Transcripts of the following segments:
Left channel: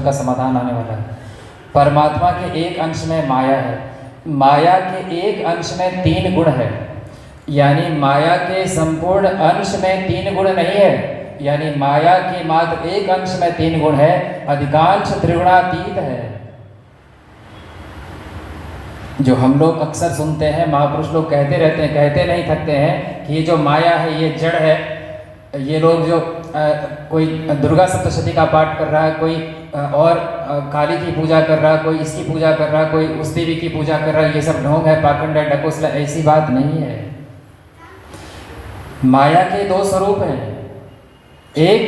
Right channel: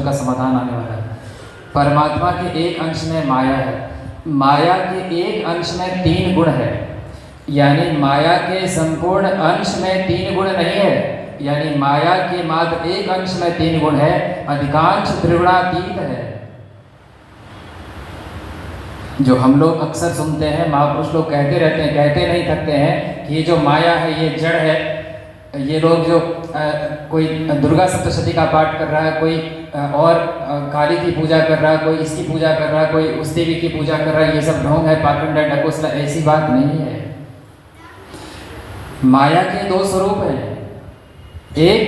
प्रश्न का समाधान आने वाला है। परमात्मा के एक अंश में माया है, माया के एक अंश में 3 गुण है, यानी माया के संपूर्ण अंश में 3 गुण नहीं है, यानी माया के मात्र एक अंश में 3 गुण है, अधिकांश त्रिगुणातीत है। जो हम लोग अक्सर सुनते हैं, महापुरुष लोग कहते रहते हैं, कहते नहीं थकते हैं कि ये जो माया है ये जड़ है। ये लोग जो कोई दुर्गा सप्तशती का पाठ कर रहा है, कोई और काली की पूजा कर रहा है, कोई इसकी पूजा कर रहा है, कोई उस देवी की पूजा कर रहा है, ये सब ढोंग है, पाखंड है, ढकोसला, ऐसी बात नहीं है। माया के 2 स्वरूप हैं, एक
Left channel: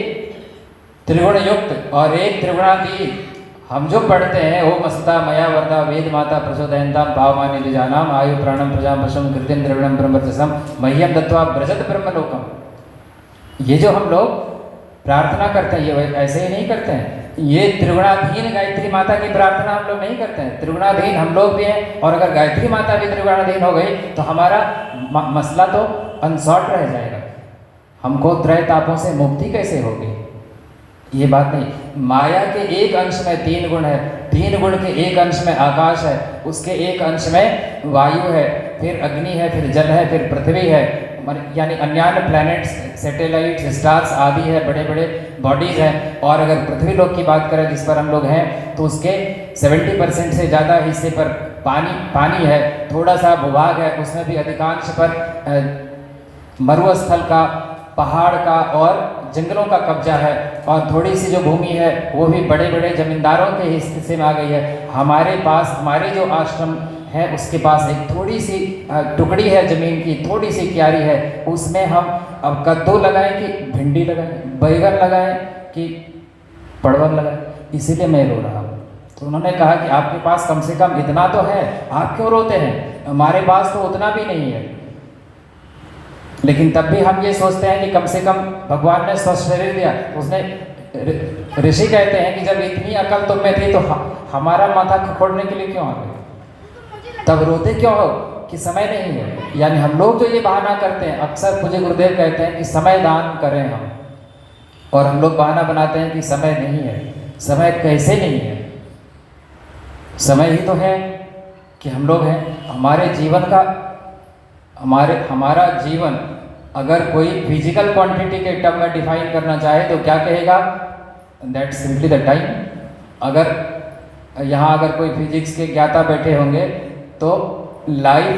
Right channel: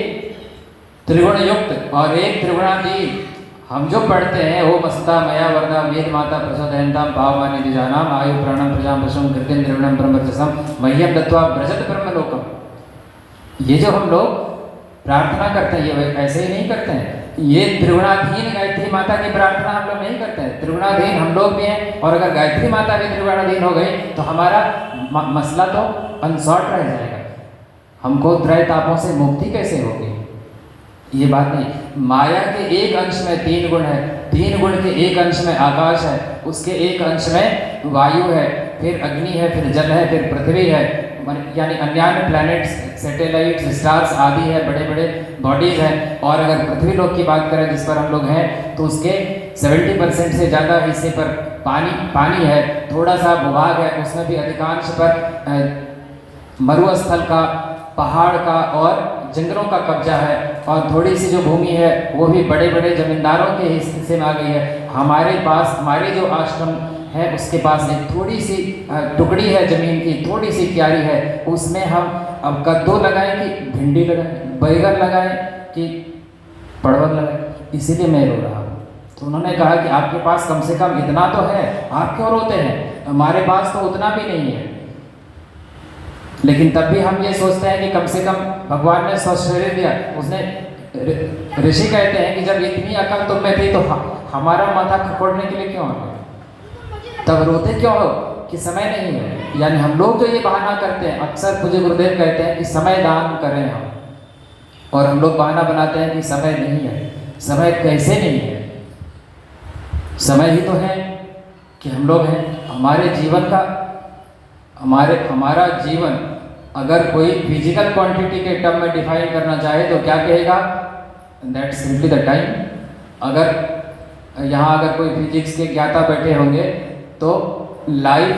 त्रिगुण युक्त और एक त्रिगुणातीत। हम जो पढ़ते हैं ओम अस्ता मया वरदा वेद माता प्रचोदयन्तां भावमान्य निजानाम आयु प्राणम प्रजाम पशुम कृतिम निर्गुणम ब्रह्मवर्चसम मह्यम दत्त्वा व्रजत ब्रह्मलोकम। ये जो हम लोग प्रार्थना करते हैं ये ऐसे ही नहीं करते हैं। ये त्रिगुणाधीन गायत्री माता की प्रार्थना हम लोग नहीं करते हैं। त्रिगुणाधीन हम लोग भी हैं, और अगर गायत्री माता भी त्रिगुणाधीन हो गई तो हमारा मसला तो अनसॉल्व रह जाएगा। हमको त्रय तापों से मुक्ति कैसे होगी? ये बात नहीं। माया के एक अंश में 3 गुण है, 3 गुण के एक अंश में आकाश है, उसके एक अंश में वायु है, फिर अग्नि है, फिर जल है, फिर पृथ्वी है, यानी अन्य प्लैनेट्स, सैटेलाइट्स, स्टार्स आदि है, बड़े बड़े बॉडीज हैं। और अगर पृथ्वी लोक की बात करें जिस पर हम लोग हैं, तो उसके 70% से ज़्यादा हिस्से पर पानी है, थोड़ा सा भूभाग है, उसमें भी अधिकांश पर मरुस्थल का, पहाड़ का और जंगलों का कब्जा है, और थोड़ी सी जो भूमि है वो भी बड़े बड़े जमींदारों के हिस्से में आ गई है। हमारे पास, हमारे जो आश्रम है उसके पास एक थोड़ी सी टुकड़ी है ज़मीन की, थोड़ी सी क्यारी है, उसमें हम अब कद्दू लगाएं कि भिंडी लगाएं, बैगन लगाएं कि परवल लगाएं, इसीलिए मैं रो रहा हूँ। तो उन्होंने कहा कि आपके पास कम से कम इतना तो है, आप क्यों रोते हैं? हमारे पास तो उतना भी नहीं है। लेकिन तब भी हम ये सोचते हैं कि कम से कम भगवान ने स्वस्थ शरीर दिया। उसने, ऋषि कहते हैं कि जब इतनी अकल तुम में थी तो हमारा माथा खकोड़ने के लिए क्यों आ गए? तब रोते क्यों हो कि समय नहीं है? यानी हम लोग जो ये बहाना करते हैं, अक्सर मुझे गुरुदेव कहते हैं कि समय दान करें हम, और हम लोग बहाना बनाते हैं कि समय नहीं है। समय कैसे नहीं है? समय ही तो है कि हम लोग हैं। हमारे जीवन का, हमारा जीवन अगर कोई फिजिकल क्वांटिटी के टर्म में डिफाइन करना चाहे तो क्या कहेगा? That's simply the time. अगर यहाँ अगर कोई फिजिक्स के ज्ञाता बैठे होंगे तो लाइफ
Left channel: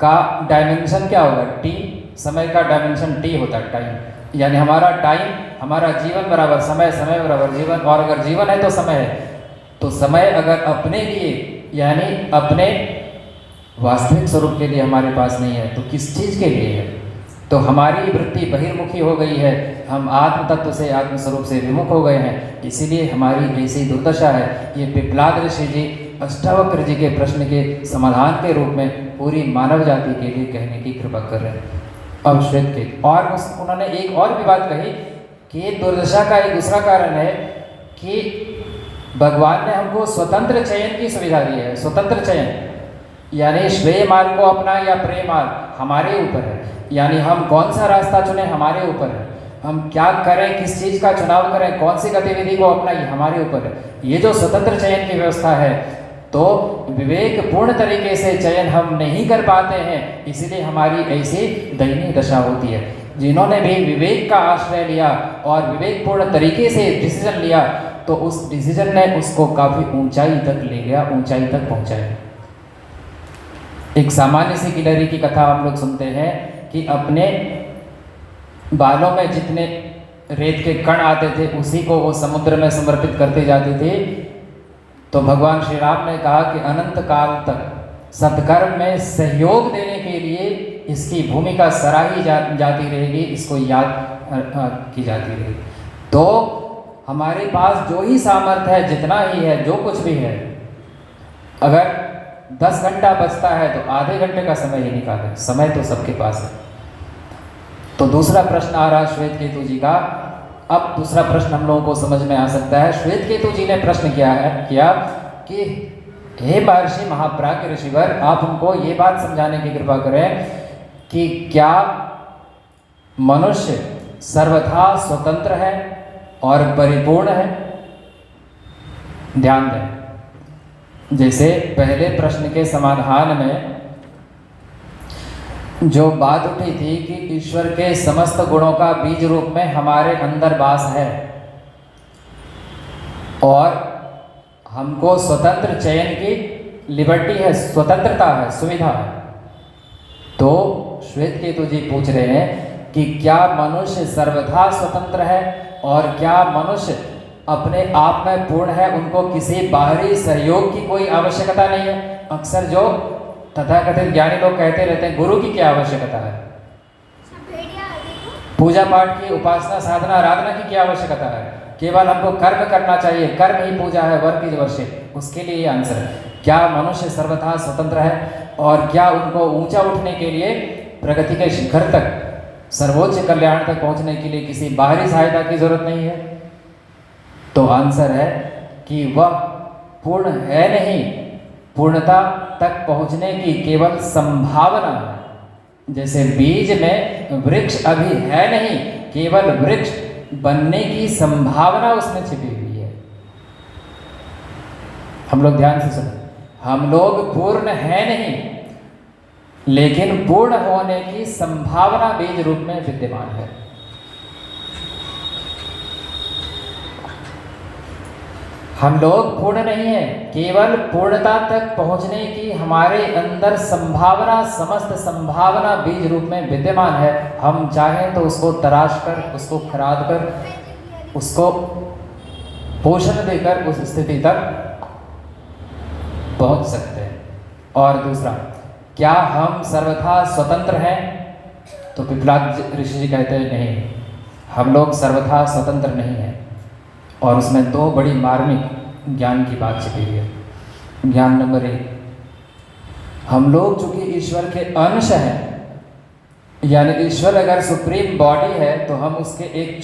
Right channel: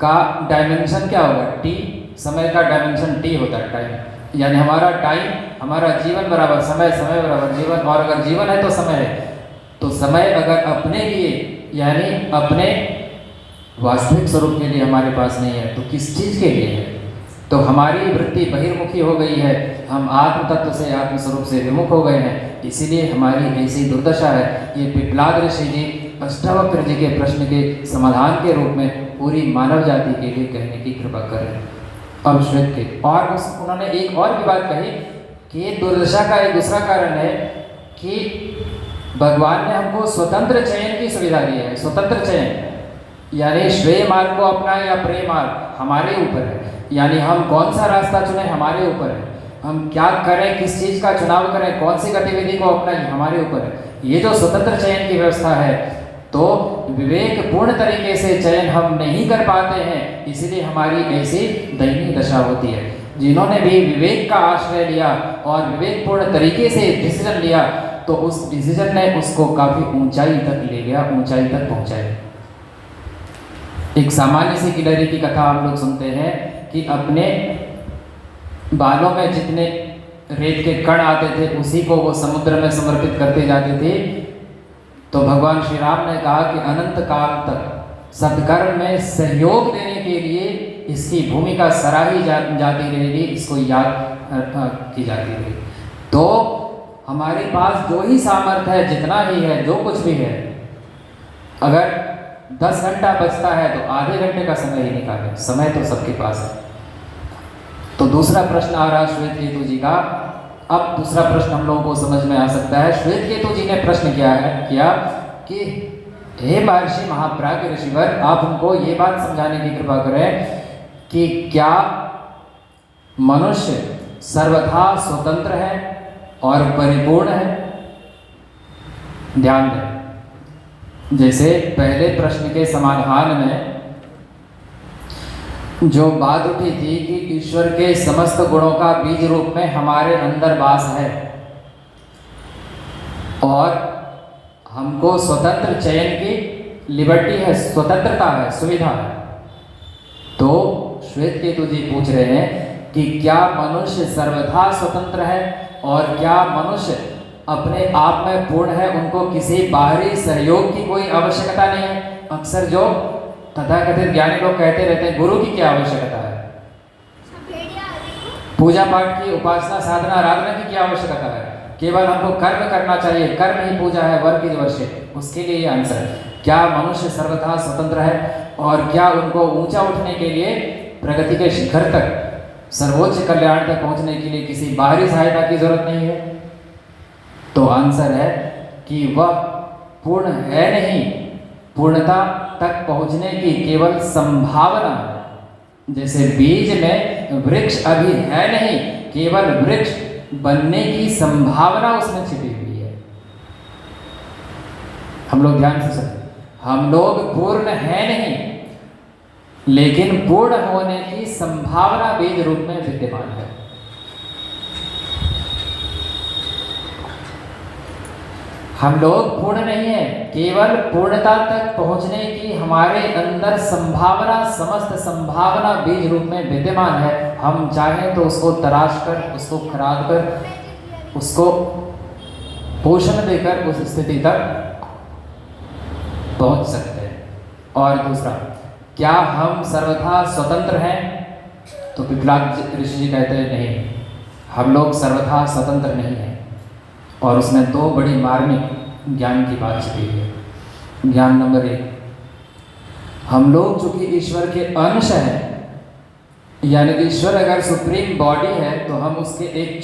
का डायमेंशन क्या होगा? टी। समय का डायमेंशन टी होता है, टाइम। यानी हमारा टाइम, हमारा जीवन बराबर समय, समय बराबर जीवन, और अगर जीवन है तो समय है। तो समय अगर अपने लिए, यानी अपने वास्तविक स्वरूप के लिए हमारे पास नहीं है तो किस चीज़ के लिए है? तो हमारी वृत्ति बहिर्मुखी हो गई है, हम आत्म तत्व से, आत्म स्वरूप से विमुख हो गए हैं, इसीलिए हमारी ऐसी दुर्दशा है। ये पिप्लाद ऋषि जी अष्टावक्र जी के प्रश्न के समाधान के रूप में पूरी मानव जाति के लिए कहने की कृपा कर रहे हैं। अब श्वेत के, और उन्होंने एक और भी बात कही कि दुर्दशा का एक दूसरा कारण है कि भगवान ने हमको स्वतंत्र चयन की सुविधा दी है। स्वतंत्र चयन यानी श्रेय मार्ग को अपना या प्रेम मार्ग हमारे ऊपर है। यानी हम कौन सा रास्ता चुने हमारे ऊपर है। हम क्या करें, किस चीज़ का चुनाव करें, कौन सी गतिविधि को अपनाएं, हमारे ऊपर है। ये जो स्वतंत्र चयन की व्यवस्था है, तो विवेकपूर्ण तरीके से चयन हम नहीं कर पाते हैं, इसीलिए हमारी ऐसी दयनीय दशा होती है। जिन्होंने भी विवेक का आश्रय लिया और विवेकपूर्ण तरीके से डिसीजन लिया, तो उस डिसीजन ने उसको काफ़ी ऊंचाई तक ले गया, ऊंचाई तक पहुंचाया। एक सामान्य सी किलरी की कथा हम लोग सुनते हैं कि अपने बालों में जितने रेत के कण आते थे उसी को वो समुद्र में समर्पित करते जाते थे। तो भगवान श्री राम ने कहा कि अनंत काल तक सत्कर्म में सहयोग देने के लिए इसकी भूमिका सराही जाती रहेगी, इसको याद की जाती रहेगी। तो हमारे पास जो ही सामर्थ्य है, जितना ही है, जो कुछ भी है, अगर 10 घंटा बचता है तो आधे घंटे का समय ही निकालें। समय तो सबके पास है। तो दूसरा प्रश्न आ रहा श्वेत केतु जी का। अब दूसरा प्रश्न हम लोगों को समझ में आ सकता है। श्वेत केतु जी ने प्रश्न किया कि हे महर्षि महाप्राज्ञ ऋषिवर, आप हमको ये बात समझाने की कृपा करें कि क्या मनुष्य सर्वथा स्वतंत्र है और परिपूर्ण है? ध्यान दें, जैसे पहले प्रश्न के समाधान में जो बात उठी थी कि ईश्वर के समस्त गुणों का बीज रूप में हमारे अंदर वास है और हमको स्वतंत्र चयन की लिबर्टी है, स्वतंत्रता है, सुविधा है। तो श्वेत केतु जी पूछ रहे हैं कि क्या मनुष्य सर्वथा स्वतंत्र है और क्या मनुष्य अपने आप में पूर्ण है, उनको किसी बाहरी सहयोग की कोई आवश्यकता नहीं है। अक्सर जो तथाकथित ज्ञानी लोग कहते रहते हैं गुरु की क्या आवश्यकता है, पूजा पाठ की, उपासना साधना आराधना की क्या आवश्यकता है, केवल हमको कर्म करना चाहिए, कर्म ही पूजा है, वर्क इज वर्शिप। उसके लिए ये आंसर है। क्या मनुष्य सर्वथा स्वतंत्र है और क्या उनको ऊंचा उठने के लिए, प्रगति के शिखर तक, सर्वोच्च कल्याण तक पहुंचने के लिए किसी बाहरी सहायता की जरूरत नहीं है? तो आंसर है कि वह पूर्ण है नहीं, पूर्णता तक पहुंचने की केवल संभावना है। जैसे बीज में वृक्ष अभी है नहीं, केवल वृक्ष बनने की संभावना उसमें छिपी हुई है। हम लोग ध्यान से सुने, हम लोग पूर्ण है नहीं, लेकिन पूर्ण होने की संभावना बीज रूप में विद्यमान है। हम लोग पूर्ण नहीं है, केवल पूर्णता तक पहुंचने की हमारे अंदर संभावना, समस्त संभावना बीज रूप में विद्यमान है। हम चाहें तो उसको तराश कर, उसको खराद कर, उसको पोषण देकर उस स्थिति तक पहुंच सकते हैं। और दूसरा, क्या हम सर्वथा स्वतंत्र हैं? तो पिपलाद ऋषि जी कहते हैं नहीं, हम लोग सर्वथा स्वतंत्र नहीं हैं। और उसमें दो बड़ी मार्मिक ज्ञान की बात छिपी है। ज्ञान नंबर 1, हम लोग चूंकि ईश्वर के अंश हैं, यानी ईश्वर अगर सुप्रीम बॉडी है तो हम उसके एक